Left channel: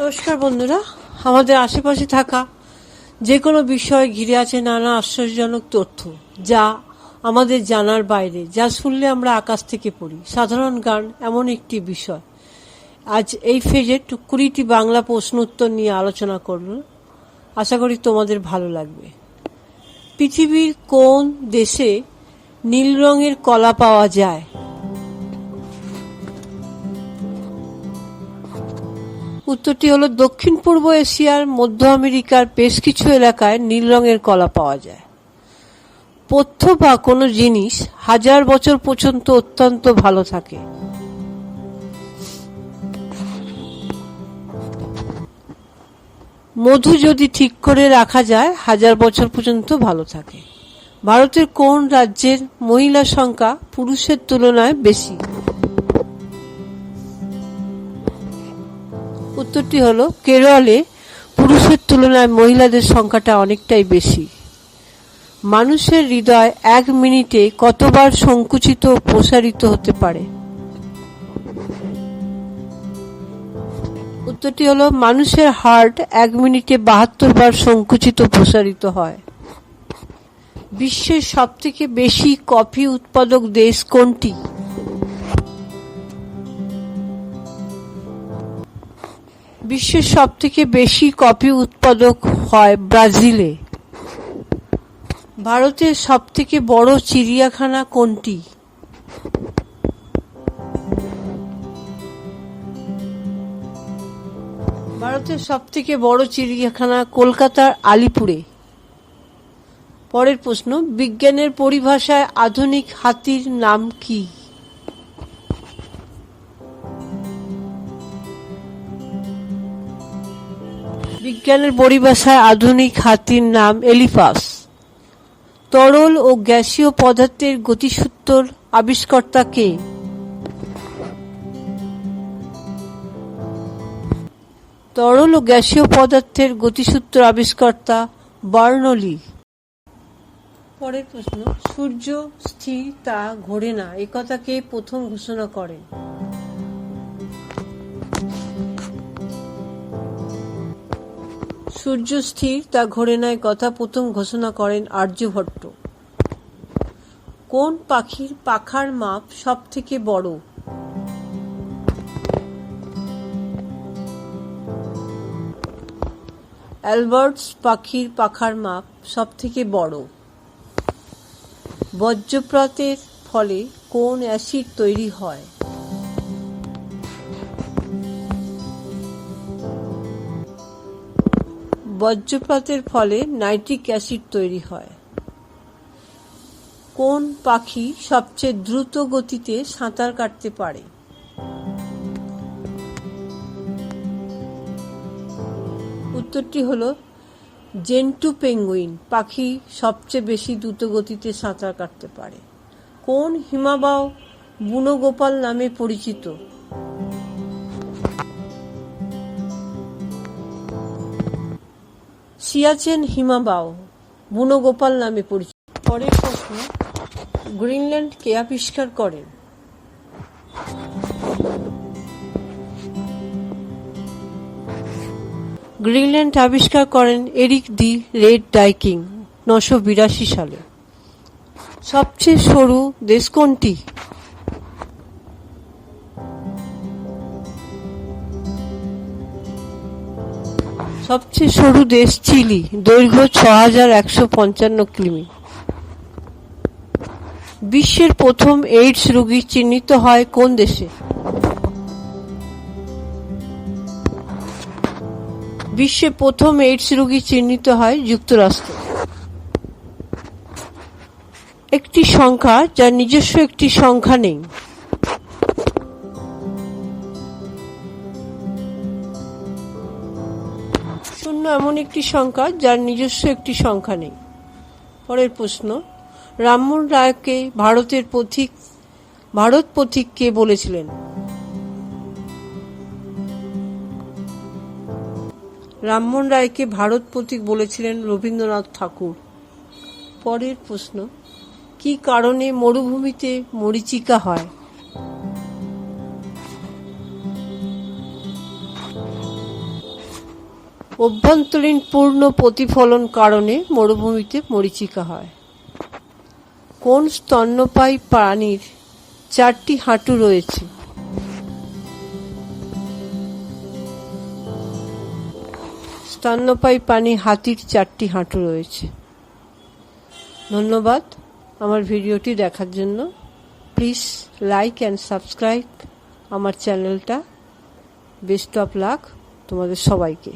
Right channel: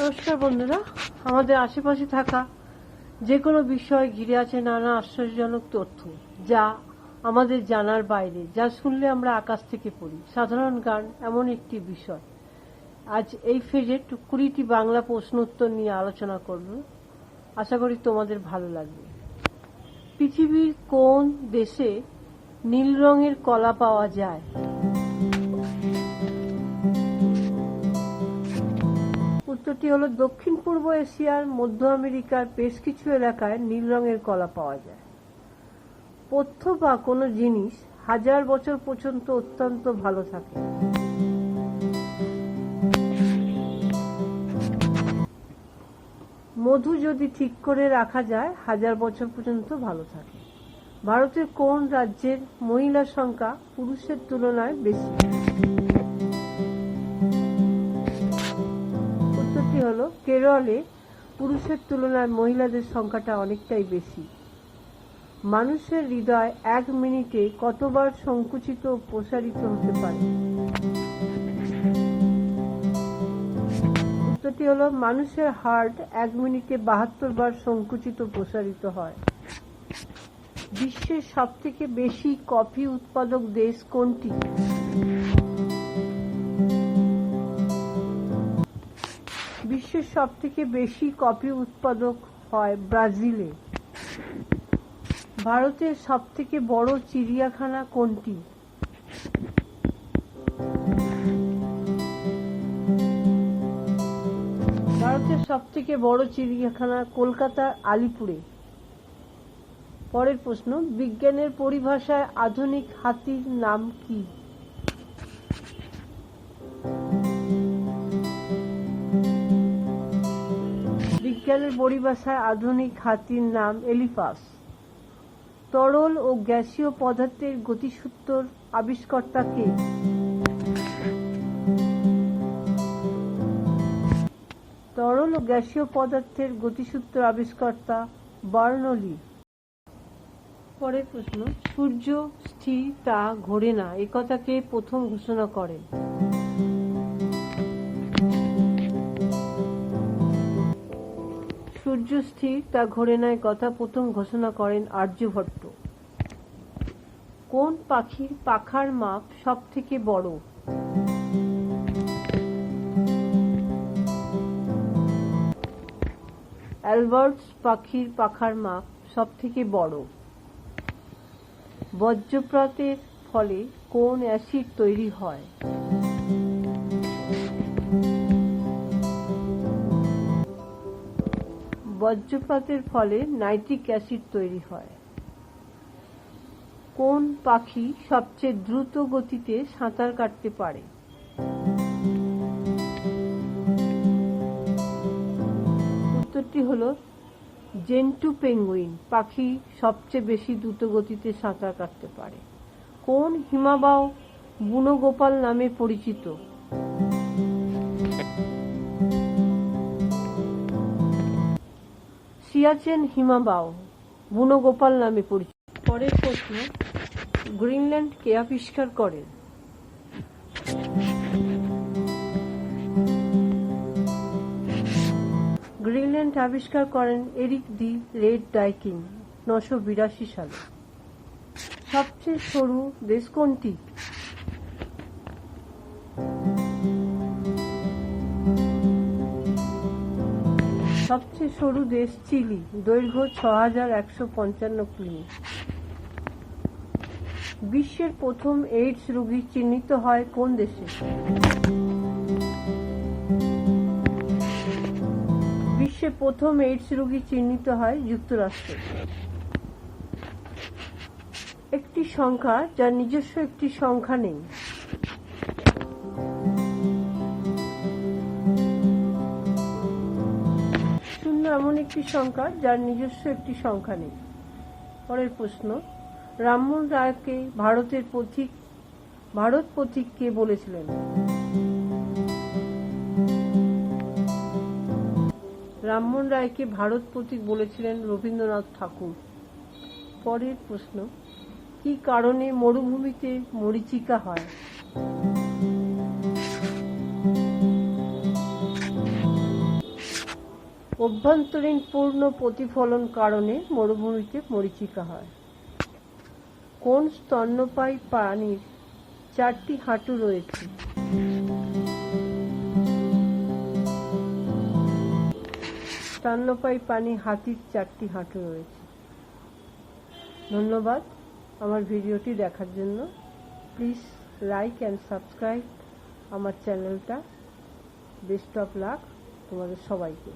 নমস্কার বন্ধুরা, আমাদের আশেপাশে থাকা যে কোনো বিষয় ঘিরে আছে নানা আশ্চর্যজনক তথ্য, যা আমাদের জানার বাইরে, যা শুনলে আমরা আকাশ থেকে পড়ি। সাধারণ জ্ঞান এমন একটি বিষয়। আজ এই ফেজে 20টি বাংলা প্রশ্ন উত্তর নিয়ে আলোচনা করব। আশা করি তোমাদের ভালো লাগবে। পৃথিবীর কোন দেশে নীল রঙের কলা পাওয়া যায়? উত্তরটি হলো দক্ষিণ পূর্ব এশিয়ার মধ্য আমেরিকার বেশ কিছু এলাকায় নীল রঙের কলা পাওয়া যায়। পথ্য বা কোনো জিনিস 1000 বছর পর্যন্ত অত্যন্ত ভালো থাকে। মধু যদি ঠিক করে রাখা যায় 1000 বছর পর্যন্ত ভালো থাকে। ভারতের কোন রাজ্যের মহিলা সংখ্যা পুরুষের তুলনায় বেশি? উত্তরটি হলো কেরলে পুরুষের তুলনায় মহিলাদের সংখ্যাটা অনেকটাই বেশি। মানুষের হৃদয় 1 মিনিটে কতবার সংকুচিত ও প্রসারিত হতে পারে? উত্তরটি হলো মানুষের হার্ট 1 মিনিটে 72 বার সংকুচিত প্রসারিত হয়। বিশ্বের সবথেকে বেশি কফি উৎপাদক দেশ কোনটি? বিশ্বের সবথেকে বেশি কফি উৎপাদক হয় ব্রাজিলে। ভারতের সবথেকে বড় চিড়িয়াখানা কোনটি? ভারতের সবথেকে বড় চিড়িয়াখানা কলকাতার আলিপুরে। পরের প্রশ্ন, বিজ্ঞানের পরিভাষায় আধুনিক হাতির নাম কি? বিজ্ঞানের পরিভাষায় আধুনিক হাতির নাম এলিফাস। তরল ও গ্যাসীয় পদার্থের গতিসূত্র আবিষ্কর্তা কে? তরল ও গ্যাসীয় পদার্থের গতিসূত্র আবিষ্কর্তা বার্নৌলি। পরের প্রশ্ন, সূর্য স্থির, তা ঘোরে না, একথা কে প্রথম ঘোষণা করেন? সূর্য স্থির, তা ঘোরে না, কথা প্রথম ঘোষণা করেন আর্যভট্ট। কোন পাখির পাখার মাপ সব থেকে বড়? অ্যালবার্টস পাখির পাখার মাপ সব থেকে বড়। বজ্রপাতের ফলে কোন অ্যাসিড তৈরি হয়? বজ্রপাতের ফলে নাইট্রিক অ্যাসিড তৈরি হয়। কোন পাখি সবচেয়ে দ্রুত গতিতে সাঁতার কাটতে পারে? উত্তরটি হলো জেন্টু পেঙ্গুইন পাখি সবচেয়ে বেশি দ্রুত গতিতে সাঁতার কাটতে পারে। কোন হিমবাহ বুনো গোপাল নামে পরিচিত? সিয়াচেন হিমবাহ বুনো গোপাল নামে পরিচিত। পরের প্রশ্ন, গ্রিনল্যান্ড কে আবিষ্কার করেন? গ্রিনল্যান্ড আবিষ্কার করেন এরিক দি রেড ডাইকিং 982 সালে। সবচেয়ে সরু দেশ কোনটি? সবচেয়ে সরু দেশ চিলি, দৈর্ঘ্য 6155 কিমি। বিশ্বের প্রথম এইডস রোগী চিহ্নিত হয় কোন দেশে? বিশ্বে প্রথম এইডস রোগী চিহ্নিত হয় যুক্তরাষ্ট্রে। একটি সংখ্যা যার নিজস্ব একটি সংখ্যা নেই। শূন্য এমন একটি সংখ্যা যার নিজস্ব একটি সংখ্যা নেই। পরের প্রশ্ন, রামমোহন রায়কে ভারত পথিক কে বলেছিলেন? রামমোহন রায়কে ভারত পথিক বলেছিলেন রবীন্দ্রনাথ ঠাকুর। পরের প্রশ্ন, কি কারণে মরুভূমিতে মরীচিকা হয়? অভ্যন্তরীণ পূর্ণ প্রতিফলন কারণে মরুভূমিতে মরীচিকা হয়। কোন স্তন্যপায়ী প্রাণীর 4টি হাঁটু রয়েছে? স্তন্যপায়ী প্রাণী হাতির 4টি হাঁটু রয়েছে। ধন্যবাদ আমার ভিডিওটি দেখার জন্য। প্লিজ লাইক অ্যান্ড সাবস্ক্রাইব আমার চ্যানেলটা। বেস্ট অফ লাক তোমাদের সবাইকে।